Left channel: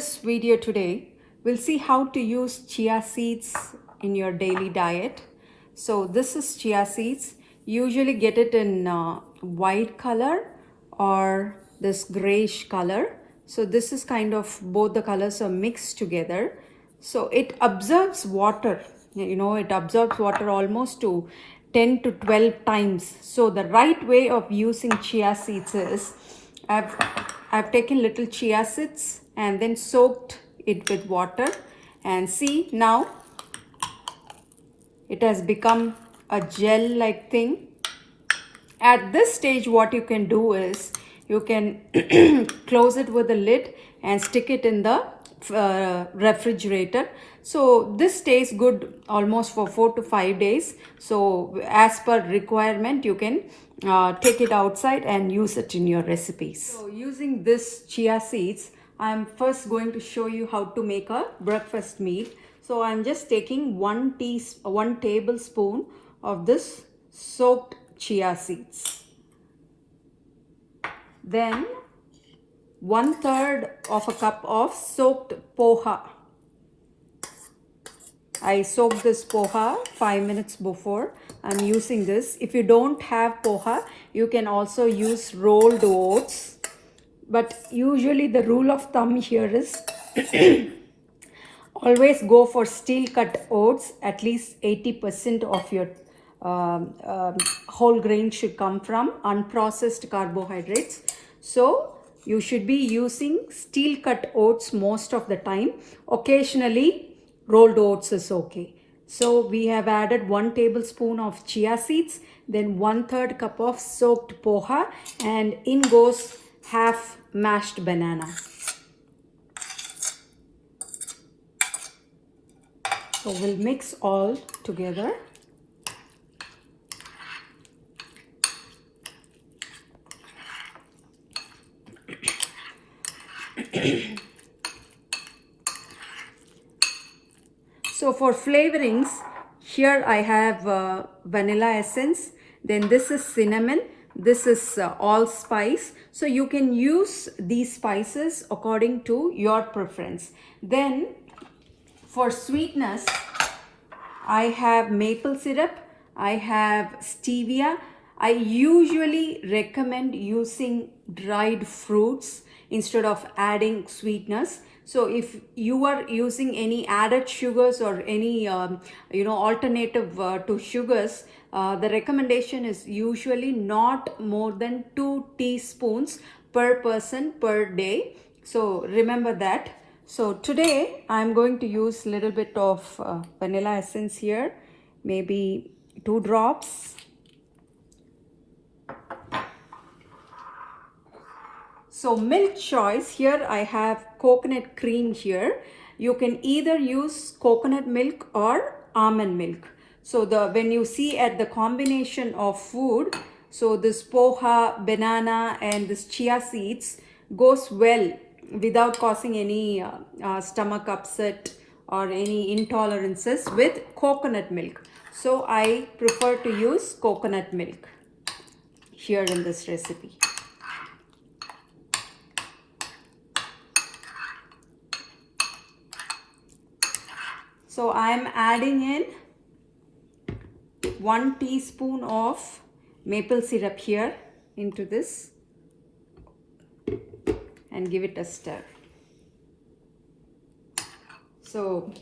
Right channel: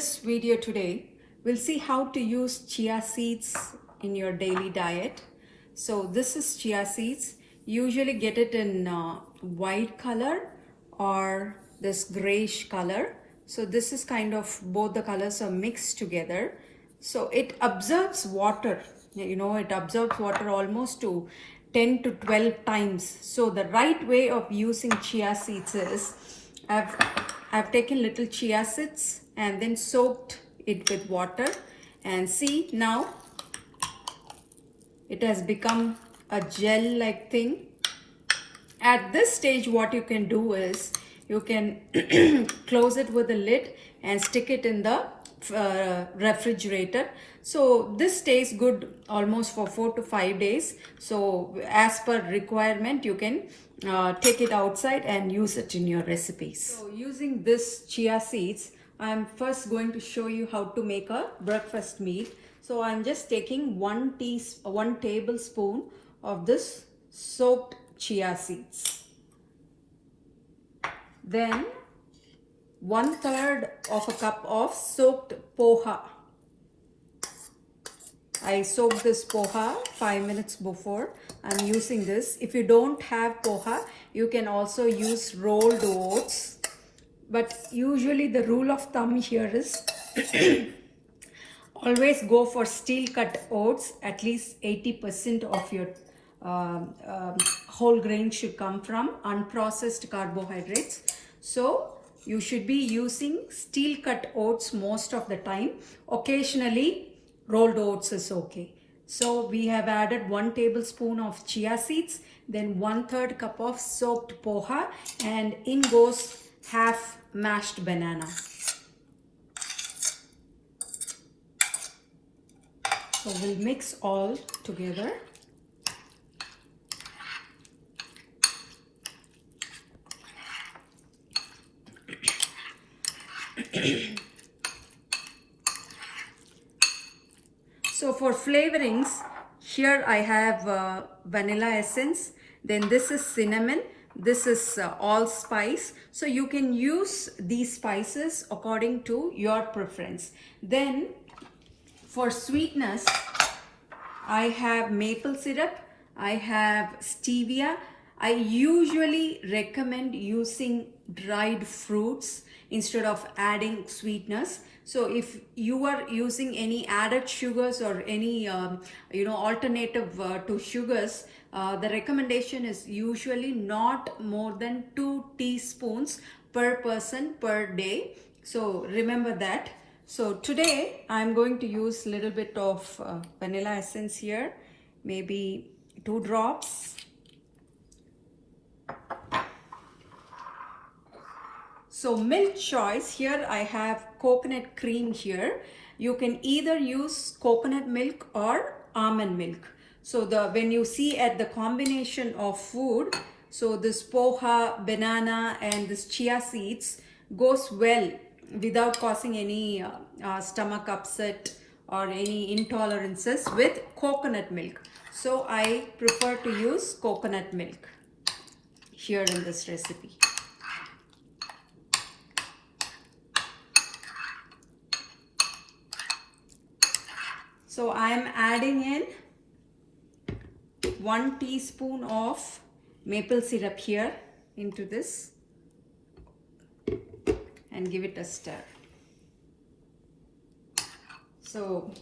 this video today, we'll see how to use chia seeds in your daily diet. So this is chia seeds. Usually get it in white color or this grayish color. So this is kind of both the colors are mixed together. So it absorbs water. It absorbs water almost to 10 to 12 times. So the right way of using chia seeds is I've taken little chia seeds and then soaked it with water, and see now it has become a gel like thing. At this stage what you can do is you can close it with a lid and stick it in the refrigerator. So this stays good almost for 4 to 5 days. So as per requirement you can take it outside and use it in your recipes. So using this chia seeds, I'm first going to show you how to make a breakfast meal. So I'm just taking one tablespoon of this soaked chia seeds. Then 1/3 of a cup of soaked poha. I soaked this poha 5 minutes before. I'm using this. If you don't have poha, you can also use rolled oats. But usually the rule of thumb here is always go for steel cut oats. At least 80% of your whole grain should come from unprocessed carbohydrates. So you should be using steel cut oats most of the time. Occasionally rolled oats is okay. So we have added 1 tablespoon of chia seeds, then 1/3 cup of soaked poha, and in goes half mashed banana. So we'll mix all together. So for flavorings, here I have vanilla essence, then this is cinnamon, this is allspice. So you can use these spices according to your preference. Then for sweetness, I have maple syrup, I have stevia. I usually recommend using dried fruits instead of adding sweetness. So if you are using any added sugars or any alternative to sugars, the recommendation is usually not more than 2 teaspoons per person per day. So remember that. So today I'm going to use a little bit of vanilla essence here, maybe 2 drops. So milk choice, here I have coconut cream here. You can either use coconut milk or almond milk. So when you see at the combination of food, so this poha, banana and this chia seeds goes well without causing any stomach upset or any intolerances with coconut milk. So I prefer to use coconut milk here in this recipe. So I am adding in 1 teaspoon of maple syrup here into this and give it a stir. So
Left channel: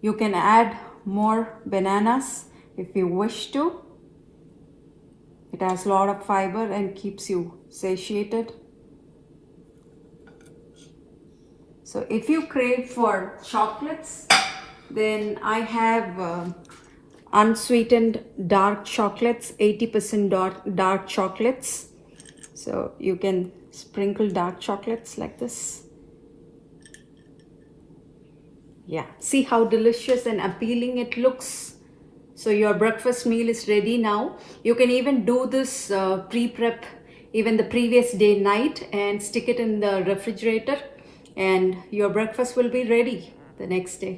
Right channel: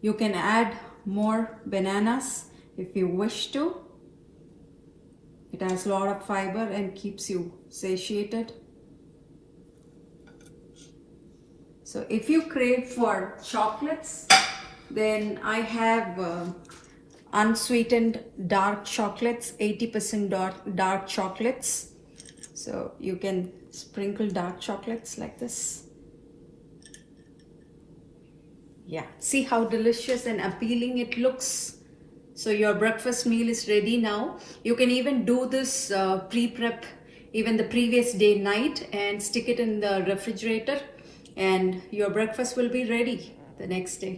you can add more bananas if you wish to. It has a lot of fiber and keeps you satiated. So if you crave for chocolates, then I have unsweetened dark chocolates, 80% dark chocolates. So you can sprinkle dark chocolates like this. Yeah, see how delicious and appealing it looks. So your breakfast meal is ready now. You can even do this pre-prep even the previous day night and stick it in the refrigerator, and your breakfast will be ready the next day.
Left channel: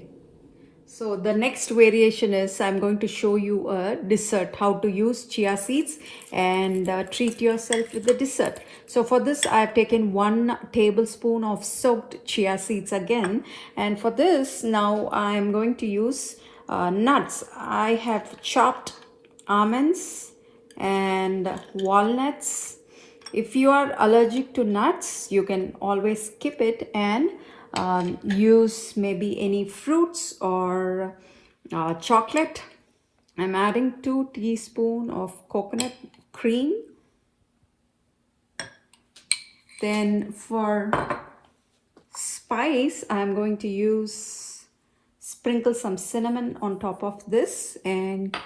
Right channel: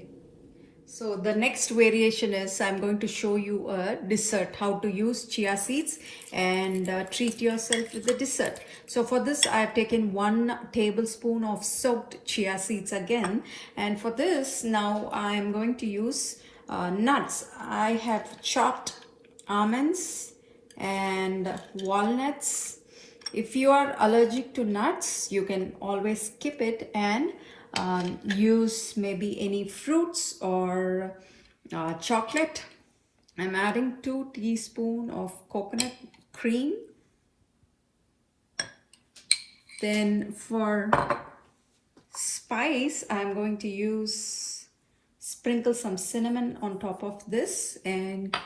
So the next variation is I'm going to show you a dessert, how to use chia seeds and treat yourself with the dessert. So for this I've taken 1 tablespoon of soaked chia seeds again, and for this now I am going to use nuts. I have chopped almonds and walnuts. If you are allergic to nuts, you can always skip it and use maybe any fruits or chocolate. I'm adding 2 teaspoons of coconut cream. Then for spice, I'm going to sprinkle some cinnamon on top of this and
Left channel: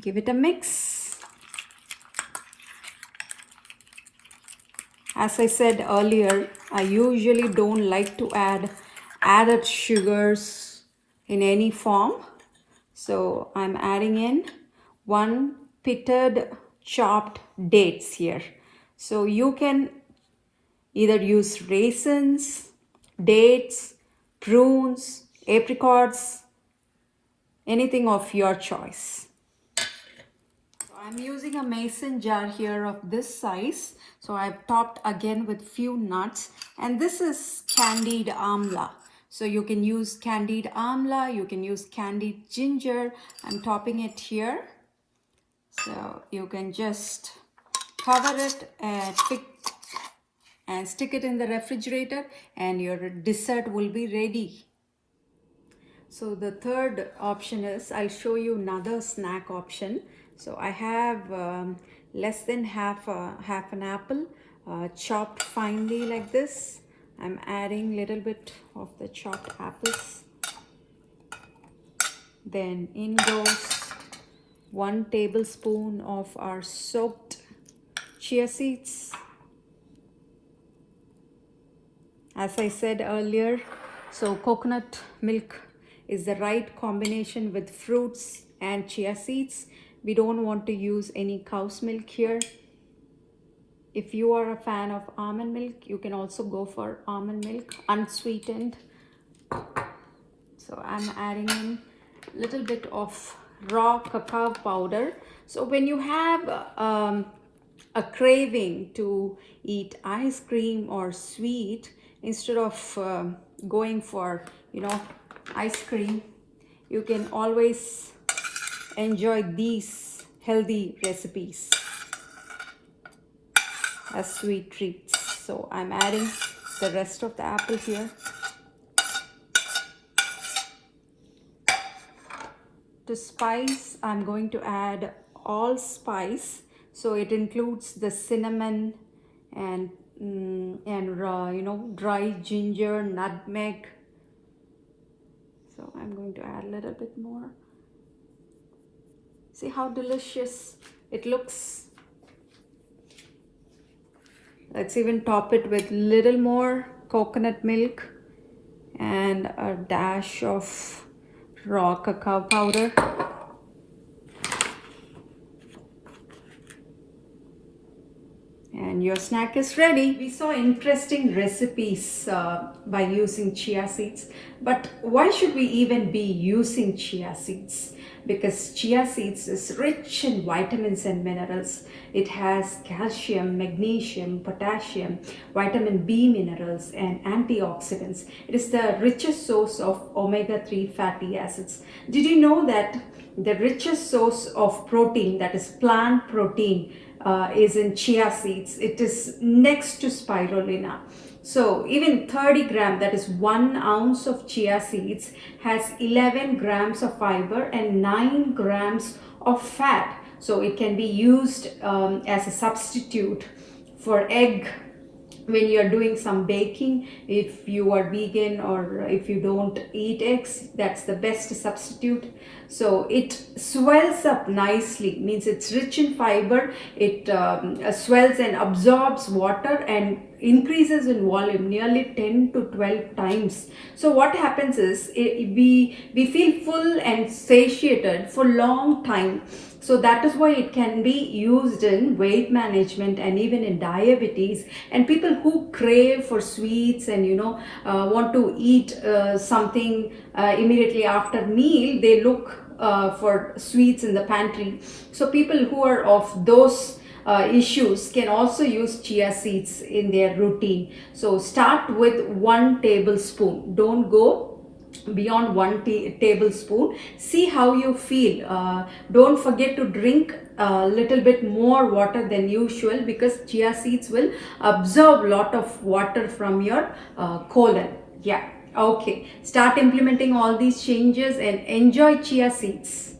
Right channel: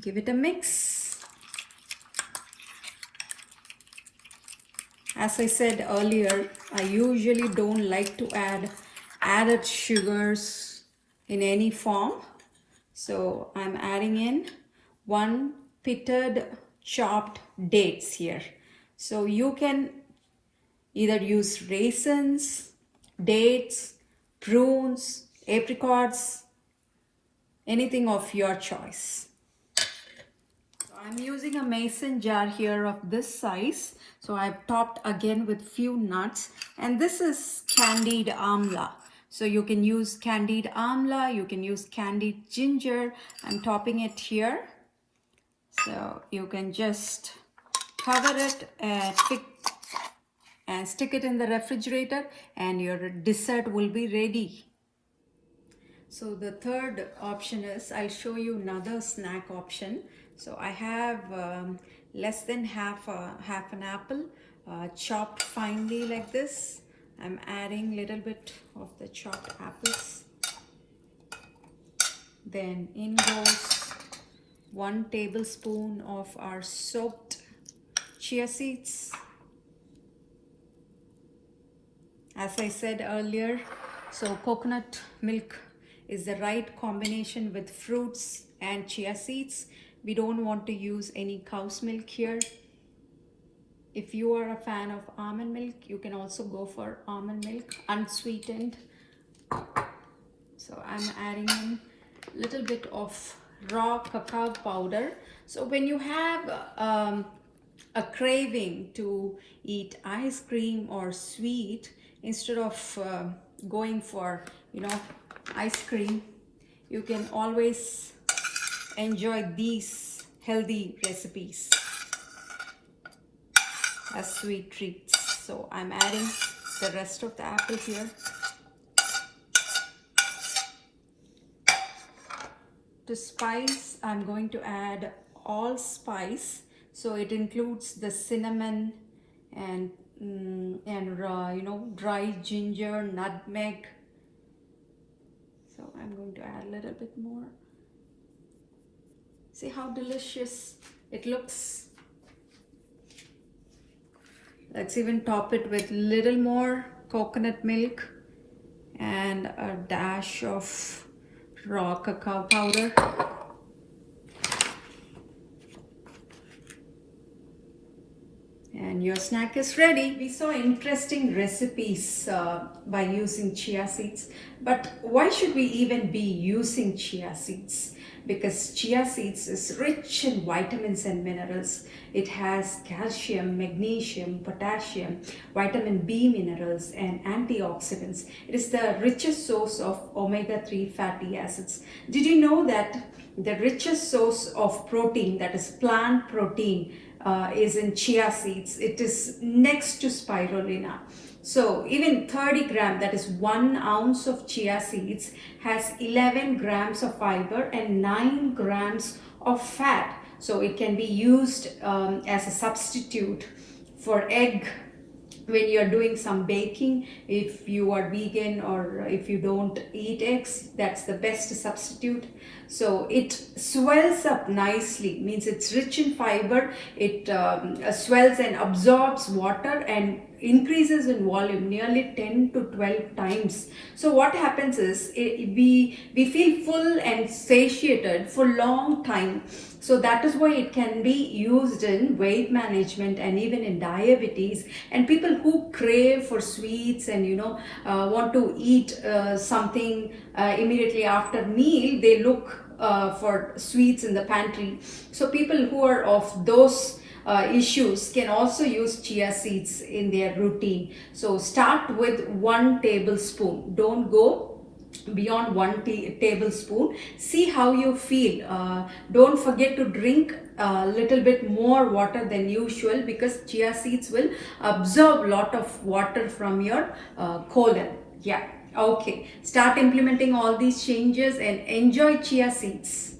give it a mix. As I said earlier, I usually don't like to add added sugars in any form. So I'm adding in 1 pitted chopped dates here. So you can either use raisins, dates, prunes, apricots, anything of your choice. So I'm using a mason jar here of this size. So I've topped again with few nuts, and this is candied amla. So you can use candied amla, you can use candied ginger. I'm topping it here. So you can just cover it and stick it in the refrigerator and your dessert will be ready. So the third option is, I'll show you another snack option. So I have less than half an apple chopped finely like this. I'm adding a little bit of the chopped apples. Then in goes 1 tablespoon of our soaked chia seeds. As I said earlier, so coconut milk is the right combination with fruits and chia seeds. We don't want to use any cow's milk here. If you are a fan of almond milk, you can also go for almond milk, unsweetened. So I'm adding in a little bit of raw cacao powder. So when you have a craving to eat ice cream or sweet, instead of going for, ice cream, you can always enjoy these healthy recipes as sweet treats. So I'm adding the rest of the apple here. To spice, I'm going to add allspice. So it includes the cinnamon and dry ginger, nutmeg. So I'm going to add a little bit more. See how delicious it looks. Let's even top it with little more coconut milk and a dash of raw cacao powder. And your snack is ready. We saw interesting recipes by using chia seeds, but why should we even be using chia seeds? Because chia seeds is rich in vitamins and minerals. It has calcium, magnesium, potassium, vitamin B minerals, and antioxidants. It is the richest source of omega-3 fatty acids. Did you know that the richest source of protein, that is plant protein, is in chia seeds? It is next to spirulina. So even 30 grams, that is 1 ounce of chia seeds, has 11 grams of fiber and 9 grams of fat. So it can be used as a substitute for egg when you are doing some baking. If you are vegan or if you don't eat eggs, that's the best substitute. So it swells up nicely, means it's rich in fiber. It swells and absorbs water and increases in volume nearly 10 to 12 times. So what happens is we feel full and satiated for long time. So that is why it can be used in weight management and even in diabetes, and people who crave for sweets and want to eat something immediately after meal, they look for sweets in the pantry. So people who are of those issues can also use chia seeds in their routine. So start with 1 tablespoon, don't go beyond 1 tablespoon. See how you feel. Don't forget to drink a little bit more water than usual, because chia seeds will absorb a lot of water from your colon. Yeah, okay, start implementing all these changes and enjoy chia seeds.